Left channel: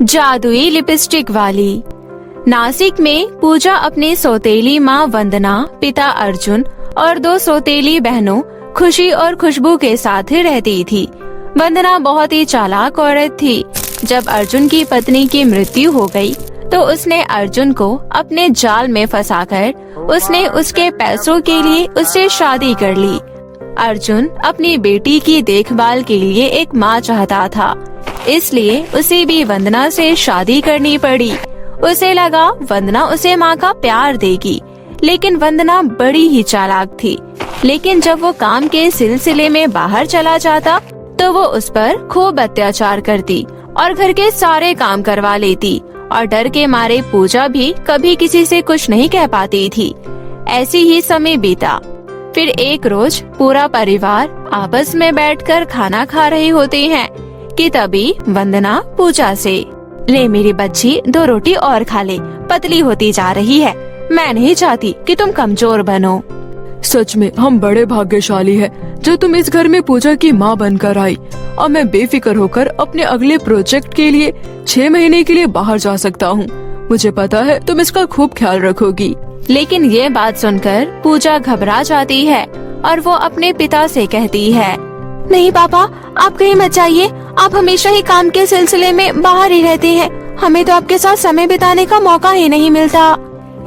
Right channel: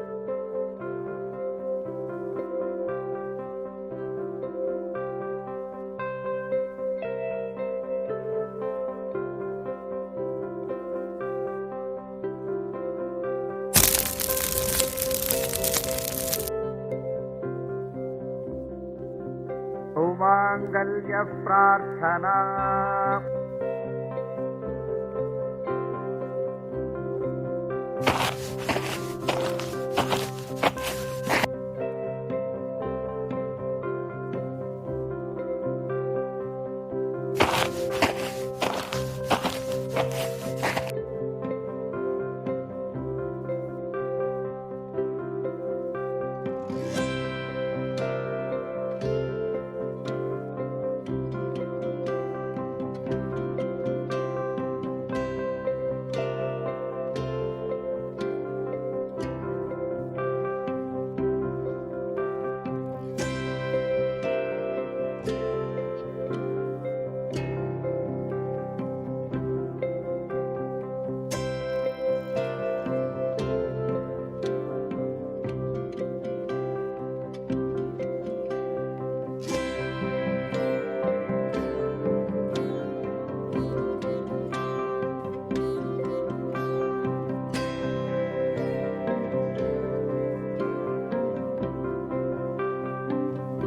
जादुई लिपस्टिक वाली। नासिक में पूजा अपनी सौतेली माँ वंदना, पिता अर्जुन और 2 सौतेली बहनों खुशी और खुशबू के साथ रहती थी। वंदना बहुत ही चालाक औरत थी। जब अर्जुन की पत्नी की मृत्यु हो गई, तो उसने अर्जुन को अपने जाल में फंसाकर उसने उसके पैसों के लिए उससे शादी कर ली। अर्जुन अपनी बेटी की देखभाल के लिए एक माँ चाहता था, इसलिए उसे भी वंदना से शादी करनी पड़ी। उसे लगा वंदना उसे माँ का प्यार देगी, लेकिन वंदना बड़ी ही चालाक थी। लेकिन जब वो काम के सिलसिले में बाहर चला जाता, तो वो उस पर खूब अत्याचार करती और घर के सारे काम करवा लेती, और डर के मारे पूजा भी कभी किसी से कुछ नहीं कह पाती थी। ऐसी ही समय बीता। फिर एक रोज पूरा परिवार आपस में बैठकर खाना खा रहे होते हैं कि तभी वंदना पूजा से, ले मेरी बच्ची 2 रोटी और खा ले, पतली होती जा रही है। मैं नहीं चाहती कि तुम कमजोर बनो। सच में हम बड़े भाग्यशाली हैं जो तुम इस घर में पूजा की माँ बनकर आई, और मैं बेफिक्र होकर अपने अगले प्रोजेक्ट के लिए 6 महीने के लिए बाहर जा सकता हूँ। मुझे पता है तुम इसका खूब ख्याल रखोगी। लेकिन ये बात सुनकर पूजा घबरा जाती है और वो अपने पिता से कहती है, नहीं पापा, आप कहीं मत जाइए। आप हमेशा ही काम के सिलसिले में बाहर ही रहते हैं। हमें तो आपके साथ समय बिताने का मौका ही नहीं मिलता।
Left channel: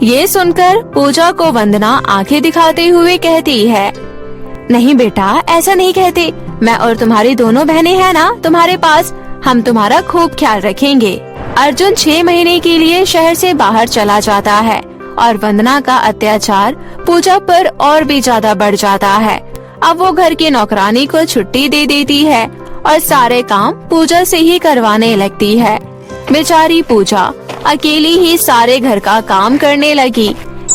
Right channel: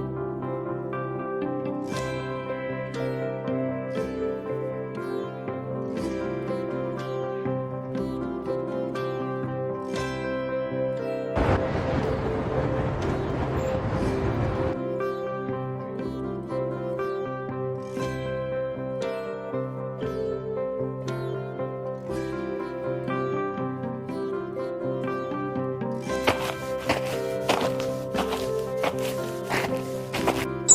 ये सुनकर पूजा को वंदना आंखें दिखाते हुए कहती है, नहीं बेटा, ऐसा नहीं कहते। मैं और तुम्हारी दोनों बहनें हैं ना तुम्हारे पास, हम तुम्हारा खूब ख्याल रखेंगे। अर्जुन 6 महीने के लिए शहर से बाहर चला जाता है और वंदना का अत्याचार पूजा पर और भी ज्यादा बढ़ जाता है। अब वो घर की नौकरानी को छुट्टी दे देती है और सारे काम पूजा से ही करवाने लगती है। बेचारी पूजा अकेली ही सारे घर का काम करने लगी।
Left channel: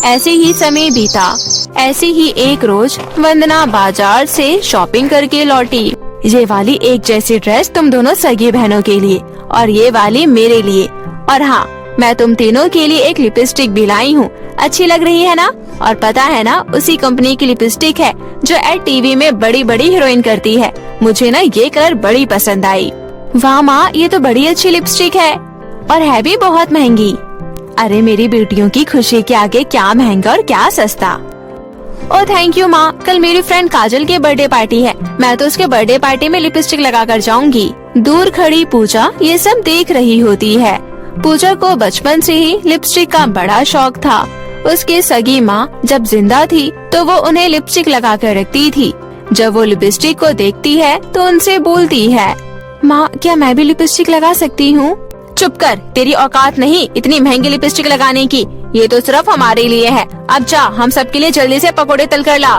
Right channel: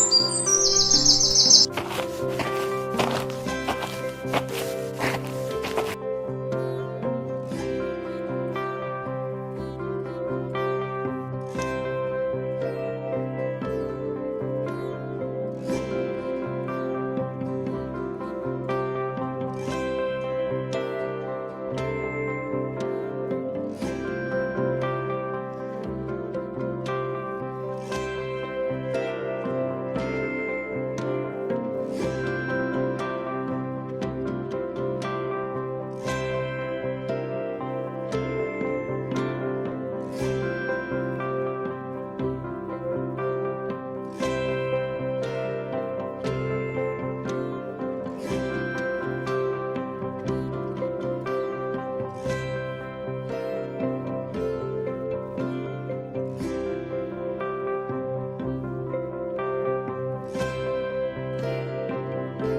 ऐसे ही समय बीता। ऐसे ही एक रोज वंदना बाजार से शॉपिंग करके लौटी। ये वाली एक जैसी ड्रेस तुम दोनों सगी बहनों के लिए, और ये वाली मेरे लिए, और हाँ, मैं तुम तीनों के लिए एक लिपस्टिक भी लाई हूँ। अच्छी लग रही है ना? और पता है ना, उसी कंपनी की लिपस्टिक है जो एड टीवी में बड़ी बड़ी हीरोइन करती है। मुझे ना ये कलर बड़ी पसंद आई। वाह माँ, ये तो बड़ी अच्छी लिपस्टिक है और है भी बहुत महंगी। अरे मेरी बेटियों की खुशी के आगे क्या महंगा और क्या सस्ता। ओह थैंक यू माँ, कल मेरी फ्रेंड काजल की बर्थडे पार्टी है। मैं तो उसके बर्थडे पार्टी में लिपस्टिक लगा कर जाऊंगी। दूर खड़ी पूजा ये सब देख रही होती है। पूजा को बचपन से ही लिपस्टिक का बड़ा शौक था। उसकी सगी माँ जब जिंदा थी तो वो उन्हें लिपस्टिक लगा कर रखती थी। जब वो लिपस्टिक को देखती है तो उनसे बोलती है, माँ क्या मैं भी लिपस्टिक लगा सकती हूँ? चुप कर, तेरी औकात नहीं इतनी महंगी लिपस्टिक लगाने की। ये तो सिर्फ हमारे लिए है। अब जा, हम सब के लिए जल्दी से पकोड़े तल कर ला।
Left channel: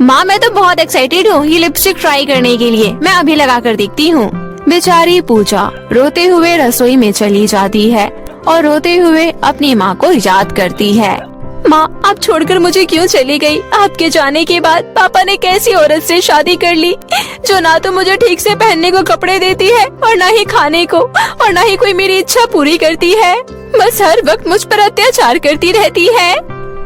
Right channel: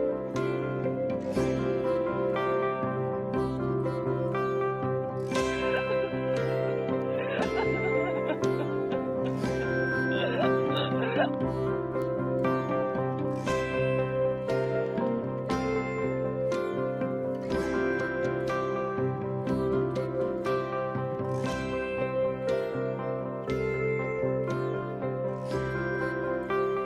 माँ मैं तो बहुत एक्साइटेड हूँ ये लिपस्टिक ट्राई करने के लिए। मैं अभी लगा कर देखती हूँ। बेचारी पूजा रोते हुए रसोई में चली जाती है और रोते हुए अपनी माँ को याद करती है। माँ आप छोड़कर मुझे क्यों चली गई? आपके जाने के बाद पापा ने कैसी औरत से शादी कर ली जो ना तो मुझे ठीक से पहनने को कपड़े देती है और ना ही खाने को, और ना ही कोई मेरी इच्छा पूरी करती है। बस हर वक्त मुझ पर अत्याचार करती रहती है।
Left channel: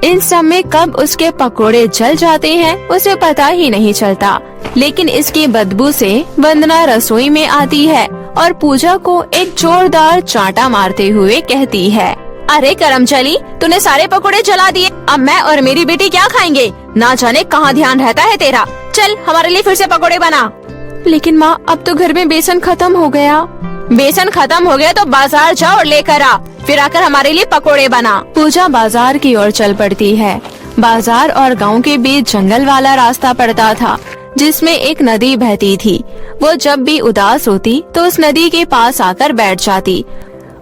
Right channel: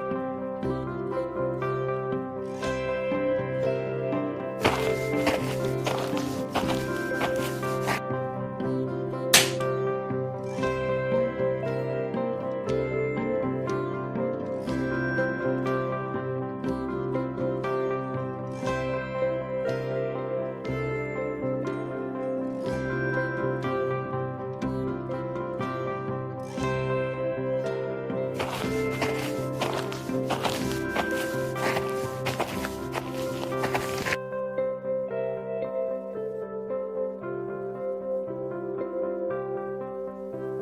इन सब में कब उसके पकोड़े जल जाते हैं उसे पता ही नहीं चलता। लेकिन इसकी बदबू से वंदना रसोई में आती है और पूजा को एक जोरदार चांटा मारते हुए कहती है, अरे करमचली, तूने सारे पकोड़े जला दिए। अब मैं और मेरी बेटी क्या खाएंगे? ना जाने कहाँ ध्यान रहता है तेरा। चल हमारे लिए फिर से पकोड़े बना। लेकिन माँ अब तो घर में बेसन खत्म हो गया। बेसन खत्म हो गया तो बाजार जाओ और लेकर आ, फिर आकर हमारे लिए पकोड़े बना। पूजा बाजार की ओर चल पड़ती है। बाजार और गांव के बीच जंगल वाला रास्ता पड़ता था जिसमें एक नदी बहती थी। वो जब भी उदास होती तो उस नदी के पास आकर बैठ जाती।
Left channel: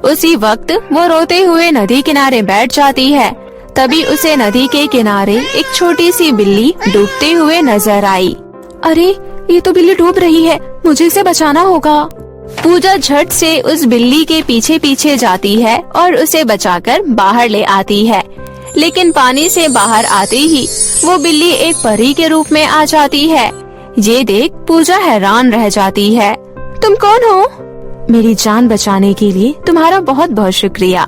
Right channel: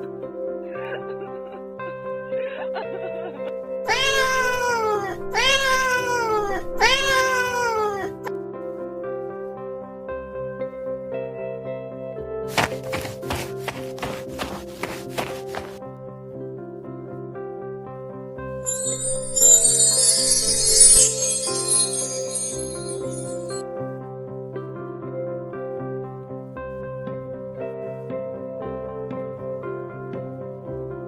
उसी वक्त वो रोते हुए नदी किनारे बैठ जाती है। तभी उसे नदी के किनारे एक छोटी सी बिल्ली डूबते हुए नजर आई। अरे ये तो बिल्ली डूब रही है, मुझे इसे बचाना होगा। पूजा झट से उस बिल्ली के पीछे पीछे जाती है और उसे बचाकर बाहर ले आती है। लेकिन पानी से बाहर आते ही वो बिल्ली एक परी के रूप में आ जाती है। ये देख पूजा हैरान रह जाती है। तुम कौन हो? मेरी जान बचाने के लिए तुम्हारा बहुत बहुत शुक्रिया।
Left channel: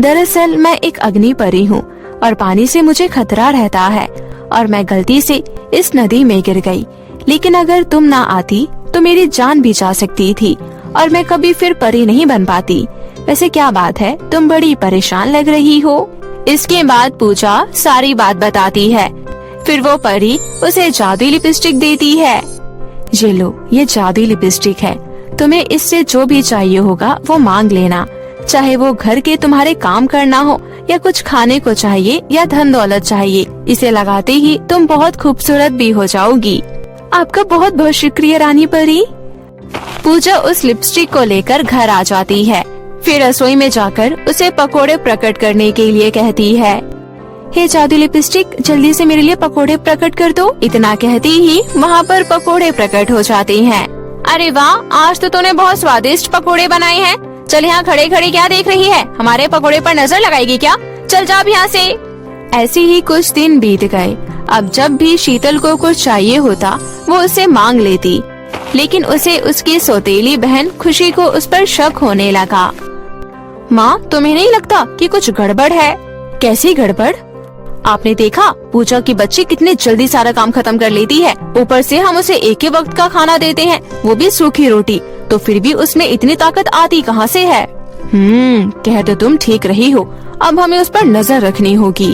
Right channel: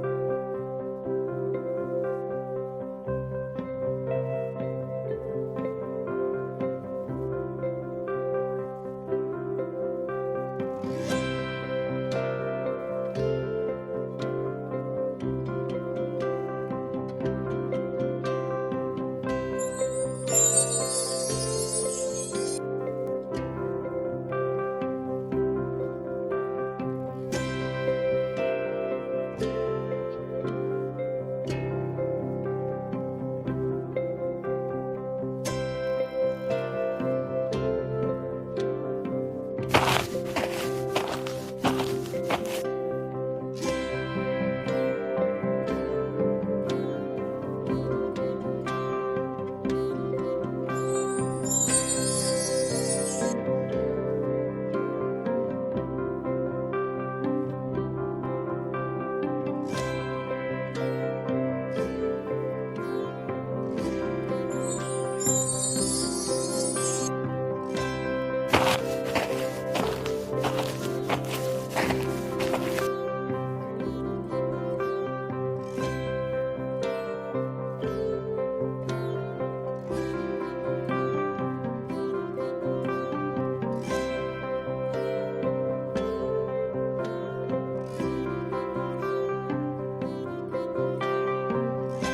दरअसल मैं एक अग्नि परी हूँ और पानी से मुझे खतरा रहता है और मैं गलती से इस नदी में गिर गई। लेकिन अगर तुम ना आती तो मेरी जान भी जा सकती थी और मैं कभी फिर परी नहीं बन पाती। वैसे क्या बात है, तुम बड़ी परेशान लग रही हो। इसके बाद पूजा सारी बात बताती है। फिर वो परी उसे जादुई लिपस्टिक देती है। ये लो, ये जादुई लिपस्टिक है, तुम्हें इससे जो भी चाहिए होगा वो मांग लेना, चाहे वो घर के तुम्हारे काम करना हो या कुछ खाने को चाहिए या धन दौलत चाहिए। इसे लगाते ही तुम बहुत खूबसूरत भी हो जाओगी। आपका बहुत बहुत शुक्रिया रानी परी। पूजा उस लिपस्टिक को लेकर घर आ जाती है। फिर रसोई में जाकर उसे पकोड़े प्रकट करने के लिए कहती है। हे जादू लिपस्टिक, जल्दी से मेरे लिए पकोड़े प्रकट कर दो। इतना कहती ही वहाँ पर पकोड़े प्रकट हो जाते हैं। अरे वाह, आज तो तूने बहुत स्वादिष्ट पकोड़े बनाए हैं। चल यहाँ खड़े खड़े क्या देख रही है, हमारे पकोड़े पर नजर लगाएगी क्या? चल जा अब यहाँ से। ऐसे ही कुछ दिन बीत गए। अब जब भी शीतल को कुछ चाहिए होता वो उसे मांग लेती, लेकिन उसे उसकी सौतेली बहन खुशी को उस पर शक होने लगा। माँ, तुम्हें नहीं लगता कि कुछ गड़बड़ है? कैसी गड़बड़? आपने देखा पूजा की बच्ची कितने जल्दी सारा काम खत्म कर लेती है। ऊपर से हम उसे एक ही वक्त का खाना देते हैं, वो भी सूखी रोटी, तो फिर भी उसमें इतनी ताकत आती कहाँ से है? कह तो तुम ठीक रही हो, अब हमें उस पर नजर रखनी होगी।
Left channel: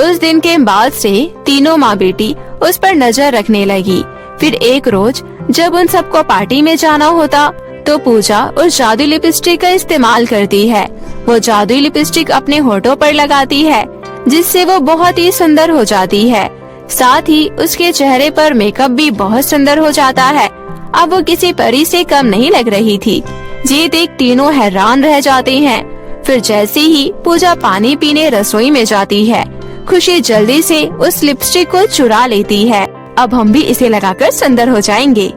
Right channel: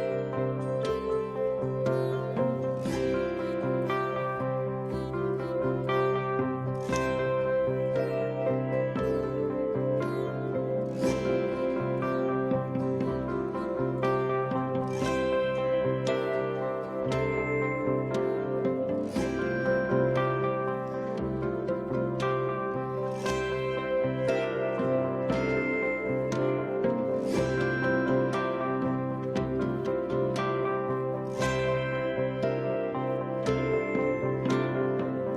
उस दिन के बाद से तीनों माँ बेटी उस पर नजर रखने लगी। फिर एक रोज जब उन सबको पार्टी में जाना होता तो पूजा उस जादुई लिपस्टिक का इस्तेमाल करती है। वो जादुई लिपस्टिक अपने होठों पर लगाती है, जिससे वो बहुत ही सुंदर हो जाती है। साथ ही उसके चेहरे पर मेकअप भी बहुत सुंदर हो जाता है। अब वो किसी परी से कम नहीं लग रही थी। ये देख तीनों हैरान रह जाते हैं। फिर जैसे ही पूजा पानी पीने रसोई में जाती है, खुशी जल्दी से उस लिपस्टिक को चुरा लेती है। अब हम भी इसे लगाकर सुंदर हो जाएंगे।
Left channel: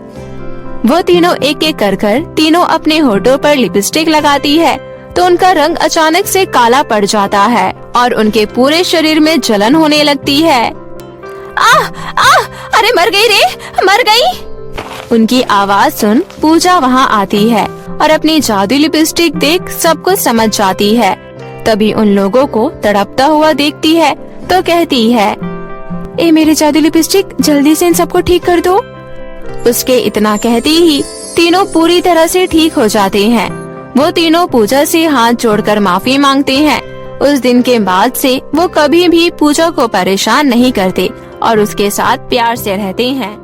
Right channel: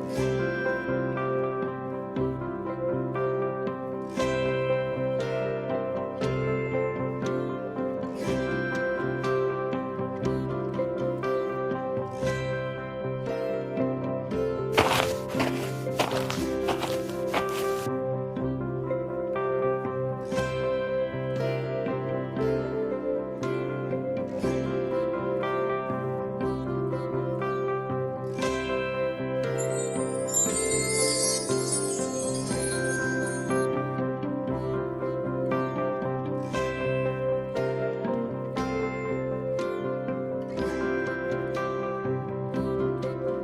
वो तीनों एक एक कर तीनों अपने होठों पर लिपस्टिक लगाती है तो उनका रंग अचानक से काला पड़ जाता है और उनके पूरे शरीर में जलन होने लगती है। अरे मर गई रे, मर गई। उनकी आवाज सुन पूजा वहाँ आती है और अपनी जादुई लिपस्टिक देख सब कुछ समझ जाती है। तभी उन लोगों को तड़पता हुआ देखती है तो कहती है, ए मेरे जादुई लिपस्टिक, जल्दी से इन सबको ठीक कर दो। उसके इतना कहते ही तीनों पूरी तरह से ठीक हो जाते हैं। वो तीनों पूजा से हाथ जोड़कर माफी मांगते हैं। उस दिन के बाद से वो कभी भी पूजा को परेशान नहीं करते और उसके साथ प्यार से रहते हैं।